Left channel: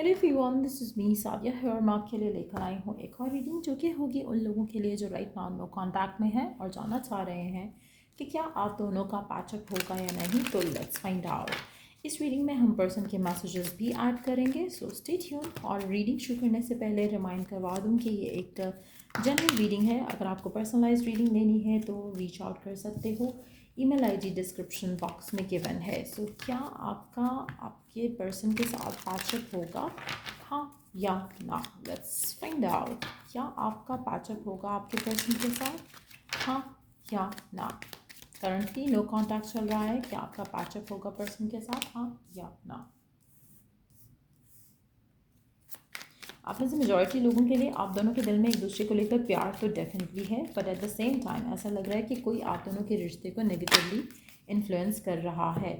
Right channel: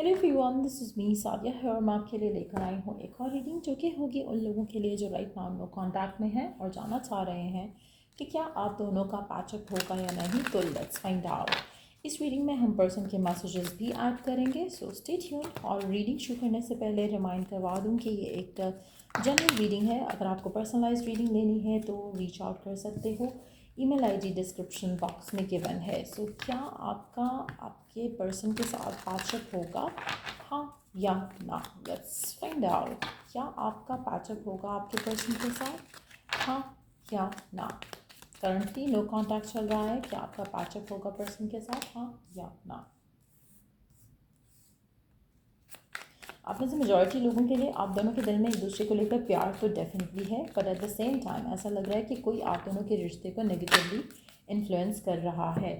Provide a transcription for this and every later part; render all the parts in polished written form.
Hello everyone, this is me Sadia है। मैं आपके लिए लेकर आई हूँ एक और रीडिंग जो कि होगी उन लोगों के लिए जो राइट नाउ नो कॉन्टैक्ट में है और जानना चाह रहे हैं कि क्या आप दोनों का पैचअप होगा या नहीं। तो लेट्स फाइंड आउट। इस रीडिंग में हम पर्सन के मैसेजेस भी ऐड करेंगे, सो स्टे ट्यून्ड। और रीडिंग शुरू करने से पहले रिमाइंड करवा दूँ कि ये एक जनरल रीडिंग है। अगर आपको पर्सनलाइज रीडिंग लेनी है तो रीच आउट कर सकते हो। ईमेल आईडी डिस्क्रिप्शन बॉक्स में गिवन है। सो क्या आपका आपके पर्सन के साथ पैचअप होगा, हाँ या ना। Let's find out. क्या आपका पैचअप होगा आपके पर्सन के साथ, हाँ या ना। करंटली नो कॉन्टैक्ट चल रहा है। क्या आपका पैचअप होगा पर्सन के साथ, हाँ या ना। आप में से मेजॉरिटी लोगों के लिए आप दोनों के दिल में एक दूसरे को लेकर प्यार तो डेफिनेटली है, but at the same time ऐसा लग रहा है कि कोई आप दोनों के रिश्ते को नेगेटिवली इन्फ्लुएंस कर रहा है।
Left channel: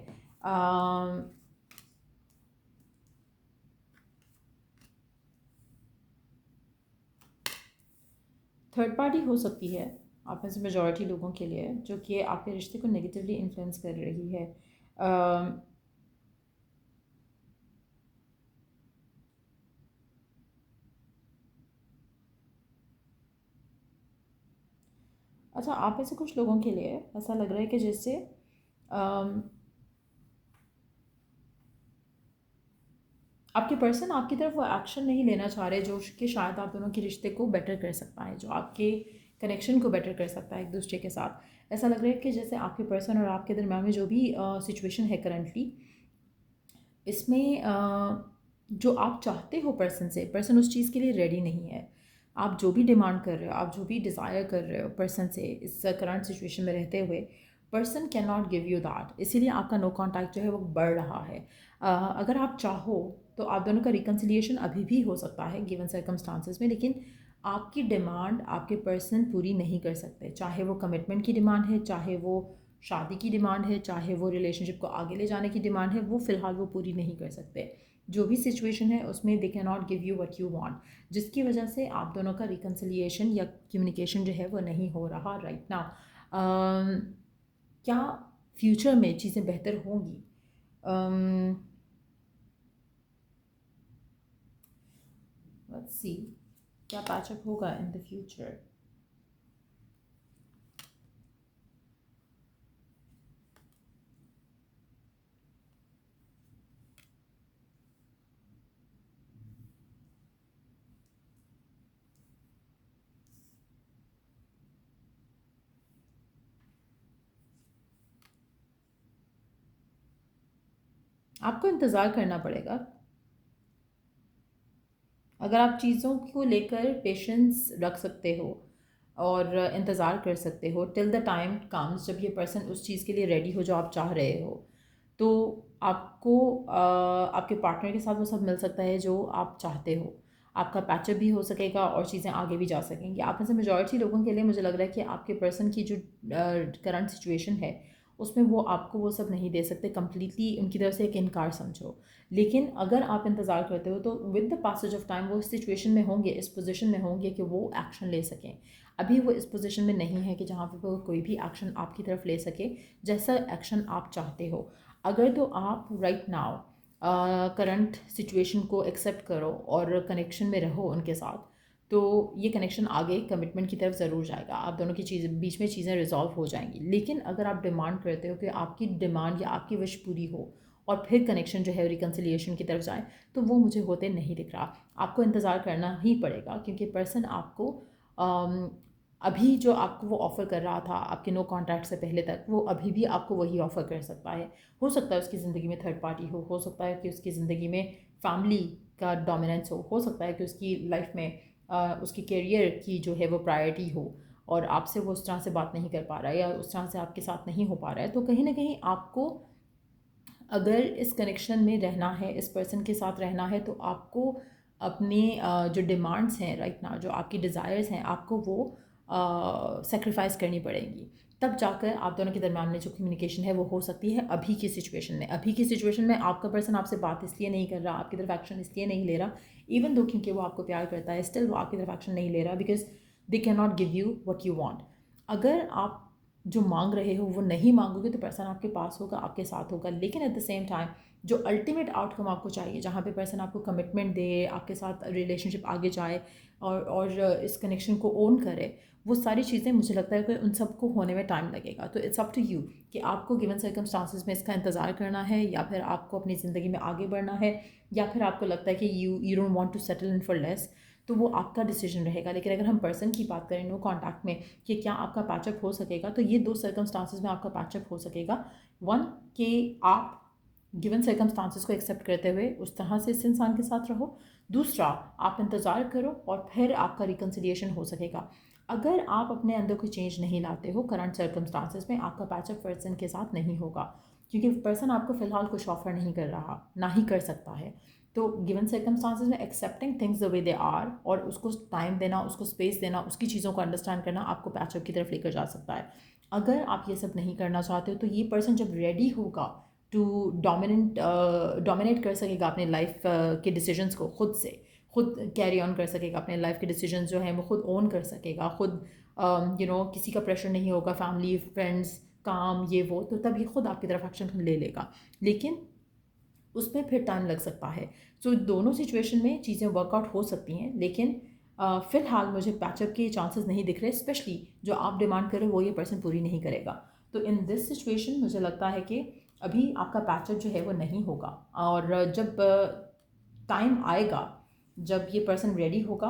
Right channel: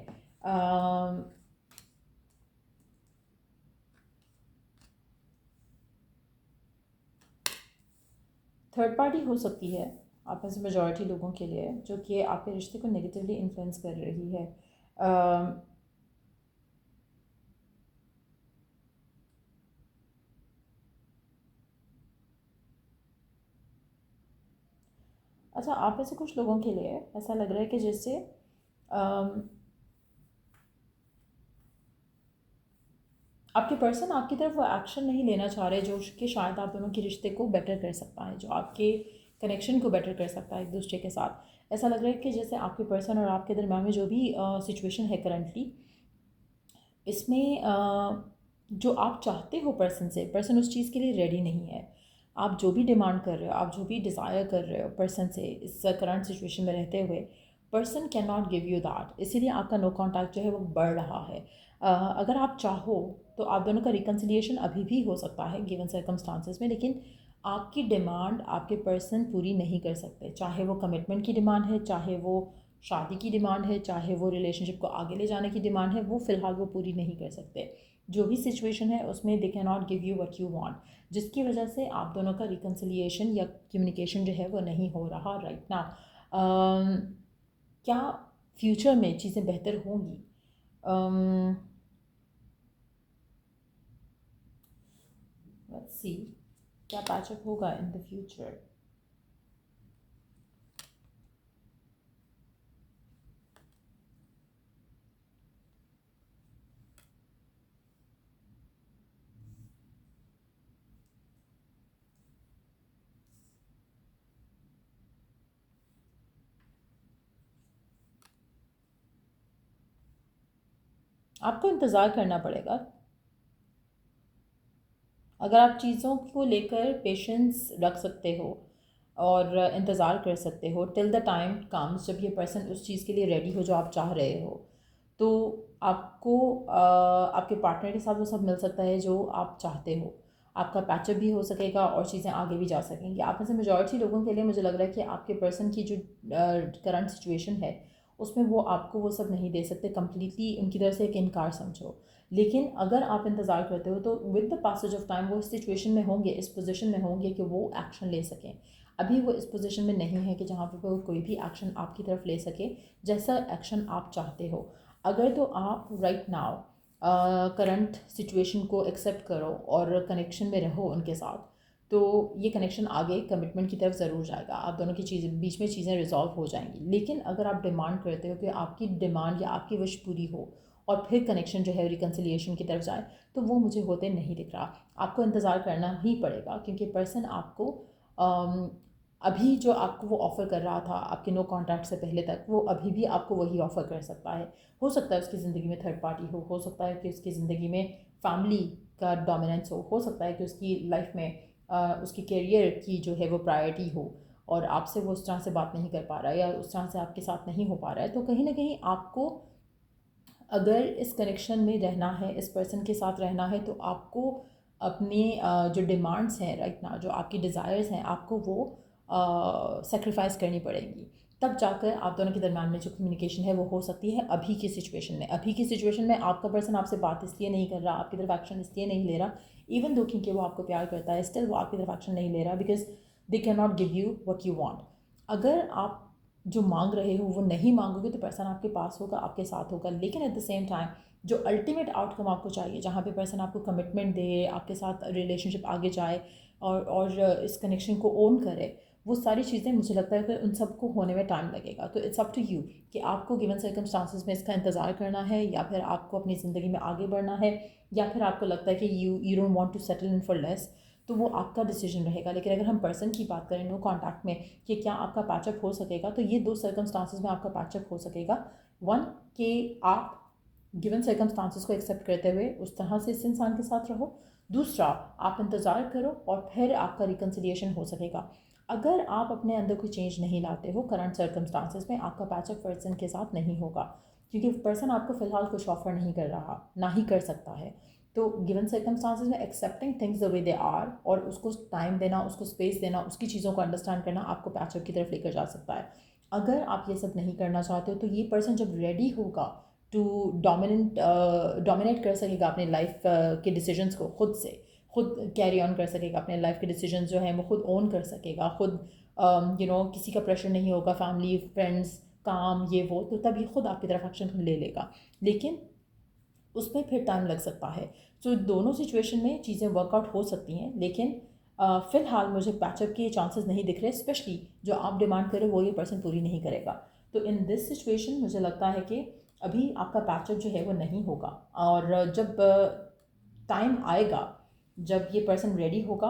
थर्ड पार्टी हो सकती है आप में से मेजॉरिटी लोगों के लिए, जो कि आपके रिश्ते को नेगेटिवली इन्फ्लुएंस कर रही है। अच्छा, आप में से कुछ लोगों के लिए ऐसा लग रहा है कि जैसे आपके पर्सन आपकी तरफ वो एक्शन नहीं लेना चाह रहे जो कि शायद आप दोनों के रिश्ते को बेटर कर सकता है, जो आपके कनेक्शन को बेटर कर सकता है एक दूसरे के साथ। ऐसा लग रहा है कि जैसे आपके पर्सन और आपके दरम्यान में जो भी सिचुएशन है करंटली, इसमें जो आप चाहते हो पर्सन से, पर्सन उस चीज़ के लिए रेडी नहीं है। आप जो भी डिमांड कर रहे हो, आप जो भी डिज़ायर कर रहे हो पर्सन से इस करंट सिचुएशन में रहते हुए, person can not give you that. इसीलिए आपका नो कॉन्टैक्ट जो है वो बढ़ रहा है। अगर आप चाहो तो आप दोनों का रिकन्सिलिएशन अभी भी हो सकता है गिवन सर्कमस्टांसिस में, लेकिन आपकी डिमांड आपके पर्सन पूरी नहीं कर सकते। चाहे वो कमिटमेंट की डिमांड है, चाहे वो शादी की डिमांड है, चाहे वो रिलेशनशिप को आगे ले जाने की डिमांड है, वो फ़िलहाल वो पूरी नहीं कर सकते। जो भी सिचुएशन है उसमें they can not give you what you want, जिसकी वजह से आप दोनों का रिकन्सिलिएशन या कम्युनिकेशन जो है वो नहीं हो रहा राइट नाउ। क्या फ्यूचर में चीज़ें बेहतर होंगी? लेट्स सी, क्या पैचअप होगा इन द फ्यूचर। आपको इंतज़ार करना पड़ेगा। अगर आप चीज़ों को लेकर पेशेंस रख सकते हो और इंतज़ार कर सकते हो टिल द टाइम कम्स जब ये पर्सन उस चीज़ के लिए रेडी हो जो आप चाह रहे हो, तो आपको आपके पार्टनर के साथ वो सब मिल सकता है जो आप चाहते हो। आपका पैचअप भी हो सकेगा और चीज़ें आगे भी जा सकेंगी। आप में से मेजॉरिटी लोगों के लिए मुझे लग रहा है कि आपके पर्सन की जो करंट सिचुएशन है उसमें वो आपको वो सब नहीं दे सकते। कम्प्लीटली उनकी तरफ से एक इनकार समझो। लेकिन अगर आप इंतज़ार करते हो तो with the passage of time वो इस सिचुएशन में होंगे, इस पोजीशन में होंगे कि वो एक्शन ले सकें। अभी वो इस पोजीशन में नहीं है कि जहाँ पे वो कोई भी एक्शन आपकी तरफ ले सके जैसा एक्शन आप चाहते हो। अगर तो आप राइट नाउ करंट सिचुएशन को एक्सेप्ट करो और कनेक्शन में रहो उनके साथ, तो ये कनेक्शन आगे कमिटमेंट की तरफ ज़रूर जाएगा। आप दोनों की चीज़ बीच में चीज़ें रिजॉल्व हो जाएंगी। लेकिन अगर आप डिमांड करते हो कि आपकी डिमांड या आपकी विश पूरी हो और फिर कनेक्शन जो है रिकन्सिलिएशन की तरफ जाए, तो वो मुझे होते नहीं दिख रहा। आपको इंतज़ार करना ही पड़ेगा क्योंकि पर्सन आपको अभी जो आपको वो ऑफ़र कर रहा था आपके नो कॉन्टैक्ट से पहले तक, वो अभी भी आपको वही ऑफ़र कर सकता है। हो सकता है उसकी ज़िंदगी में थर्ड पार्टी हो सकता है कि उसकी ज़िंदगी में फैमिली का डोमिनेंस हो सकता है कि उसकी लाइफ में उसकी करियर की जो है वो प्रायोरिटी हो और आपसे वो उस तरह से बात नहीं कर पा रहा है या उस तरह से आपके साथ नहीं हो पा रहा है। तो कहीं ना कहीं आपको अगर इस कनेक्शन में रहना है, इस पर्सन के साथ रहना है, तो आपको अपने जो डिमांड्स हैं राइट ना, जो आपकी डिज़ायर्स हैं, आपको वो सेक्रीफाइस करनी पड़ेंगी। तब जाकर आप दोनों के दरम्यान में जो कम्युनिकेशन है वो हो सकती है। अभी की सिचुएशन में, अभी की सिचुएशन में आपका पर्सन आपसे बात इसलिए नहीं कर रहा, आपकी तरफ एक्शन इसलिए नहीं ले रहा, इवन दो क्योंकि वो आपको प्यार करता है, स्टिल वो आपकी तरफ एक्शन नहीं ले रहा because they can not give you what you want. अगर आप जो मांग रहे हो वो नहीं मांगोगे तो पर्सन आपके पास होगा, आपके साथ होगा। लेकिन एट द सेम टाइम जो अल्टीमेट आउटकम आपको चाहिए, जहाँ पे पर्सन आपको कमिटमेंट दे, आपके साथ रिलेशनशिप आगे जाए और इस कनेक्शन को ओन करे, वो सारी चीज़ें मुझे लगता है कि उन सबको होने में टाइम लगेगा। तो इट्स अप टू यू कि आपको गिवन सर्कमस्टांसिस में इसका इंतज़ार करना है, या फिर आपको अपनी ज़िंदगी में आगे बढ़ना है, या फिर आपको लगता है कि you don't want to settle in for less, तो वो आपका डिसीजन रहेगा। लेकिन अगर हम पर्सन की बात करें नो कॉन्टैक्ट में कि क्या आपका पैचअप हो सकेगा, तो ये दो सर्कमस्टांसिस में आपका पैचअप हो सकेगा। वन, कि आप गिवन सर्कमस्टांसिस को एक्सेप्ट करते हुए उस तरह से इस इंसान के साथ रहो। दूसरा, आप इंतज़ार करो और फिर आपका रिकन्सिलिएशन हो सकेगा। अगर आप अपने अंदर कोई चेंज नहीं लाते हो करंट सर्कमस्टांसिस में, आपका पैचअप पर्सन के साथ नहीं होगा, क्योंकि पर्सन आपको फ़िलहाल कुछ ऑफर नहीं कर रहा, ना ही कर सकता है। तो गिवन सर्कमस्टांसिस में accepting things the way they are और उसको टाइम देना, उसको स्पेस देना, उसकी चीज़ों को अंडरस्टैंड करना आपको पैचअप की तरफ लेकर जा सकता है। अगर आप ये सब नहीं करना चाहते हो, तो ये पर्सन जब रेडी होगा टू डोमिनेट कर सकेगा अपने लाइफ के डिसीजंस को, खुद कैरी ऑन कर सकेगा अपने लाइफ के डिसीजंस जो हैं वो खुद ओन कर सकेगा, खुद किसी का प्रेशर नहीं होगा, फैमिली फ्रेंड्स काम ये वो, तो तब ये खुद आपकी तरफ एक्शन ले लेगा। लेकिन उसमें फिर टाइम लग सकता है। तो दोनों सिचुएशन में चीज़ें वर्कआउट हो सकती हैं, लेकिन फ़िलहाल मुझे पैचअप के चांसेस नहीं दिख रहे, स्पेशली जो आप डिमांड करें वो ये पर्सन पूरी नहीं करेगा। तो इन दिस सिचुएशन मुझे लगता है कि अभी आपका पैचअप जो है वो नहीं होगा। और जब टाइम आएगा, जब ये पर्सन रेडी होगा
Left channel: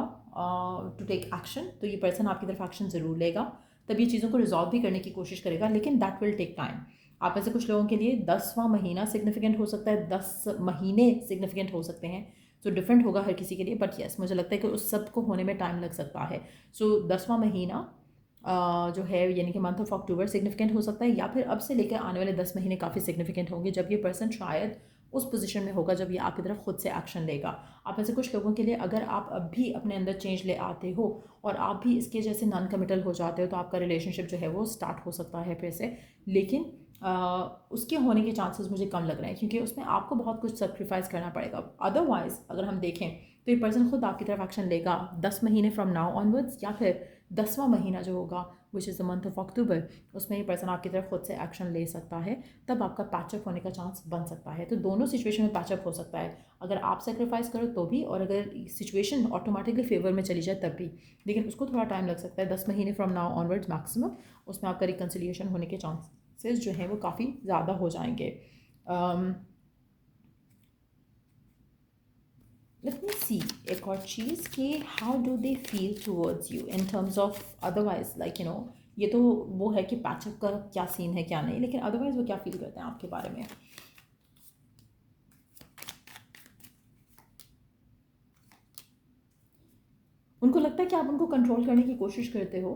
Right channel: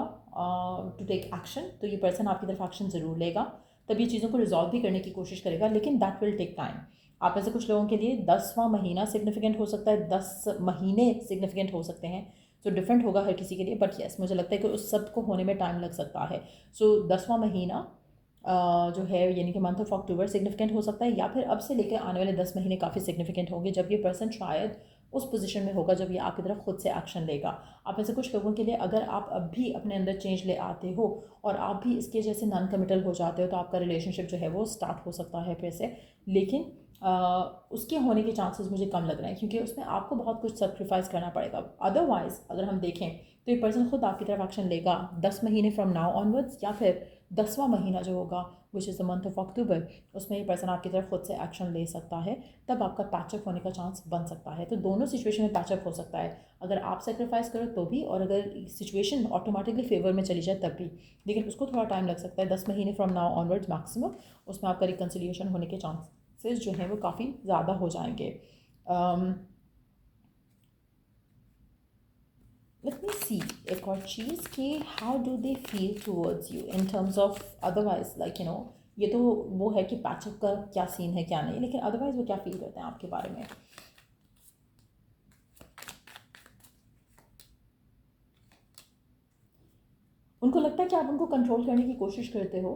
टू टेक एक्शन, तो ये पर्सन आपकी तरफ एक्शन ज़रूर लेगा, तब ये चीज़ों को रिजॉल्व भी करने की कोशिश करेगा, लेकिन दैट विल टेक टाइम। आप ऐसे कुछ लोगों के लिए 10वां महीना सिग्निफिकेंट हो सकता है, 10 महीने सिग्निफिकेंट हो सकते हैं। सो डिफरेंट होगा हर किसी के लिए, बट येस मुझे लगता है कि उस सब को होने में टाइम लग सकता है। सो 10वां महीना जो है यानी कि मंथ ऑफ अक्टूबर सिग्निफिकेंट हो सकता है, या फिर अब से लेकर आने वाले 10 महीने काफ़ी सिग्निफिकेंट होंगे, जब ये पर्सन शायद उस पोजीशन में होगा जब ये आपकी तरफ खुद से एक्शन लेगा। आप ऐसे कुछ लोगों के लिए अगर आप अब भी अपने अंदर चेंज ले आते हो और आप भी इसके जैसे नॉन कमिटल हो जाते हो, तो आपका रिलेशनशिप जो है वो स्टार्ट हो सकता है फिर से। लेकिन उसके होने के चांसेस मुझे कम लग रहे हैं, क्योंकि उसमें आपको बहुत कुछ सेक्रीफाइस करना पड़ेगा। अदरवाइज अगर हम देखें तो ये पर्सन खुद आपकी तरफ एक्शन लेगा 10 महीने फ्रॉम नाउ ऑनवर्ड्स, या फिर 10वां महीना जो होगा which is the month of October, उसमें ये पर्सन आपकी तरफ खुद से एक्शन ले सकता है, तब आपका पैचअप होने का चांस बन सकता है। तो दोनों सिचुएशन में पैचअप हो सकता है, अगर आप सेक्रीफाइस करो तो भी, और अगर सिचुएशन ऑटोमेटिकली फेवर में चली जाए तब भी। लेकिन उसको थोड़ा टाइम लग सकता है, 10 महीने फ्रॉम नाउ ऑनवर्ड्स मैक्सिमम, उसमें आपका रिकन्सिलिएशन होने के चांसेस जो हैं वो काफ़ी ज़्यादा हो जाएंगे। लेट मी सी एक और चीज़ कि how do they feel towards you in terms of otherwise, like ये तो वो है कि पैचअप का क्या सीन है क्या नहीं, लेकिन अदरवाइज वो क्या फील करते हैं आपके बारे में। उनको लगता है कि आप उनको कंट्रोल करने की कोशिश करते हो,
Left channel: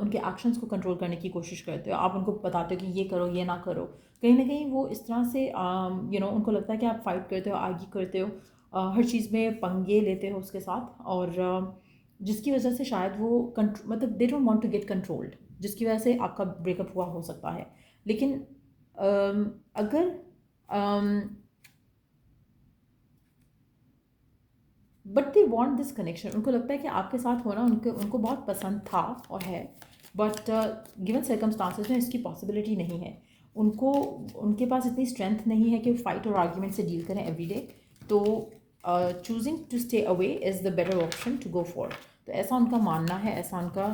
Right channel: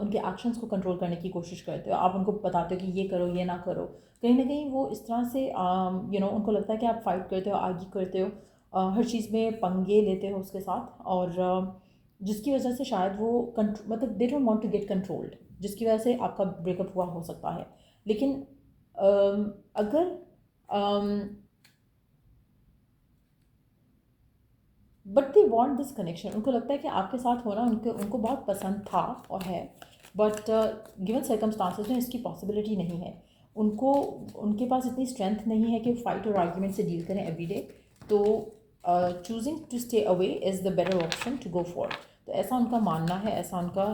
उनके एक्शंस को कंट्रोल करने की कोशिश करते हो, आप उनको बताते हो कि ये करो ये ना करो। कहीं ना कहीं वो इस तरह से उनको लगता है कि आप फाइट करते हो, आर्ग्यू करते हो, हर चीज़ में पंगे लेते हो उसके साथ, और जिसकी वजह से शायद वो मतलब they don't want to get controlled, जिसकी वजह से आपका ब्रेकअप हुआ हो सकता है। लेकिन अगर but they want this connection, उनको लगता है कि आपके साथ होना उनको बहुत पसंद था और है, बट गिवन सर्कमस्टांसिस में इसकी पॉसिबिलिटी नहीं है। उनके पास इतनी स्ट्रेंथ नहीं है कि वो फाइट और आर्ग्यूमेंट से डील करें एवरी डे। तो choosing to stay away is the better option to go for. तो ऐसा उनका मानना है, ऐसा उनका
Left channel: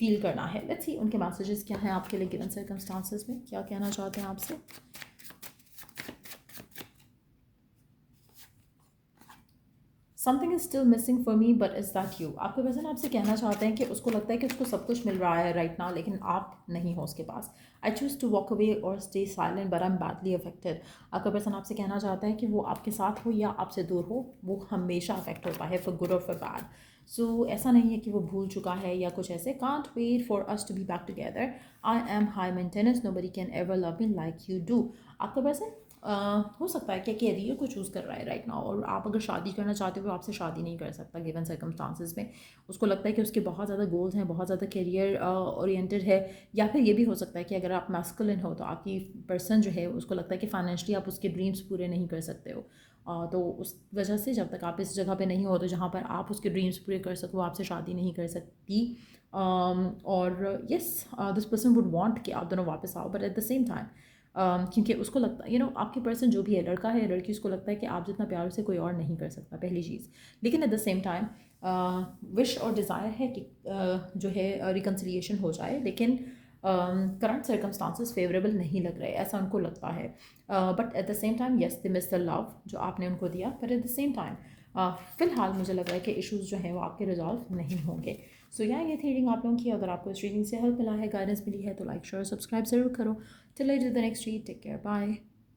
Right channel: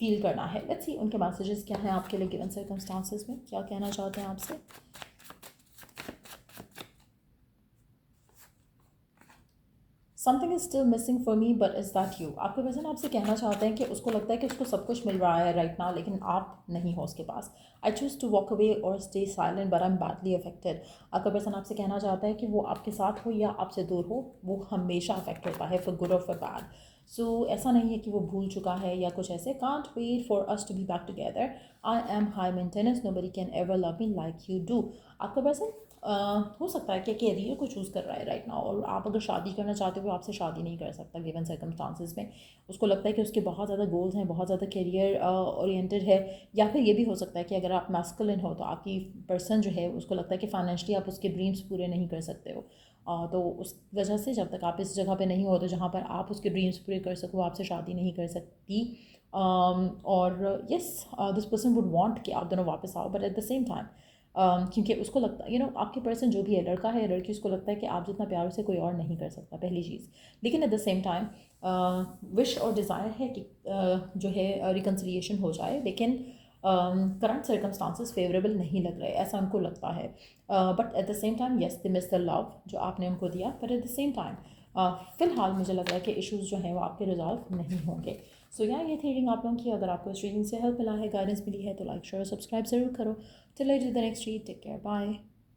फील करना है। लेट्स सी उनके मैसेजेस क्या हैं आपके लिए गिवन सर्कमस्टांसिस में, क्या कहना चाहते हैं आपसे। Something is still missing for me but is that you. आपके पर्सन आपसे कहना चाहते हैं कि उसको लगता है कि उसको सब कुछ मिल रहा है राइट नाउ, लेकिन आप नहीं हो उसके पास। I choose to walk away और stay silent but I am badly affected. आपका पर्सन आपसे कहना चाहता है कि वो आपके साथ हो या आपसे दूर हो, वो हमेशा अफेक्ट होता है, फॉर गुड और फॉर बैड। सो ऐसा नहीं है कि वो भूल चुका है या कुछ ऐसे। Can't wait for us to be back together. I am high maintenance, nobody can ever love me like you do. आपका पर्सन हो सकता है कि कैरियर को चूज़ कर रहा है राइट नाउ, और आप अगर शादी करना चाहते हो तो आपसे शादी नहीं कर सकता गिवन सर्कमस्टांसिस में। उसको लगता है कि उसके बहुत ज़्यादा गोल्स हैं, बहुत ज़्यादा कैरियर ओरिएंटेड है। या फिर ये भी हो सकता है कि अगर आप मैस्कुलिन हो तो आपकी पर्सन जो है उसको लगता है कि फाइनेंशियली आप उसके ड्रीम्स पूरे नहीं कर सकते हो। तो उस वजह से जब तक आप इस जगह पे नहीं हो तो जहाँ पर आप उसके ड्रीम्स पूरे कर सको, आपसे शादी नहीं कर सकती। और yes this person would want कि आप दोनों वापस आओ, but at the same time क्योंकि उसको लगता है आपके पर्सन जो भी है, लड़का है या लड़की, उसको लगता है कि आप जितना प्यार उसे कोई और नहीं कर सकता, पहली चीज़। लेकिन at the same time wish और डिज़ायर है कि जो है रिकन्सिलिएशन हो जाए, लेकिन करंट सर्कमस्टांसिस फेवरेबल नहीं लग रहे, ऐसा उनको लगता है। But at the same time yes they miss the love जो आपने उनको दिया, but at the same time फ़िलहाल मुझे लग रहा है कि इश्यूज़ जो हैं वो आपके रिजॉल्व नहीं होंगे। सो ये थी रीडिंग आप लोगों की। अगर आपको इस रीडिंग से हेल्प मिला है, गाइडेंस मिली है, तो लाइक शेयर सब्सक्राइब ज़रूर करो। Till I do the next read, take care, bye.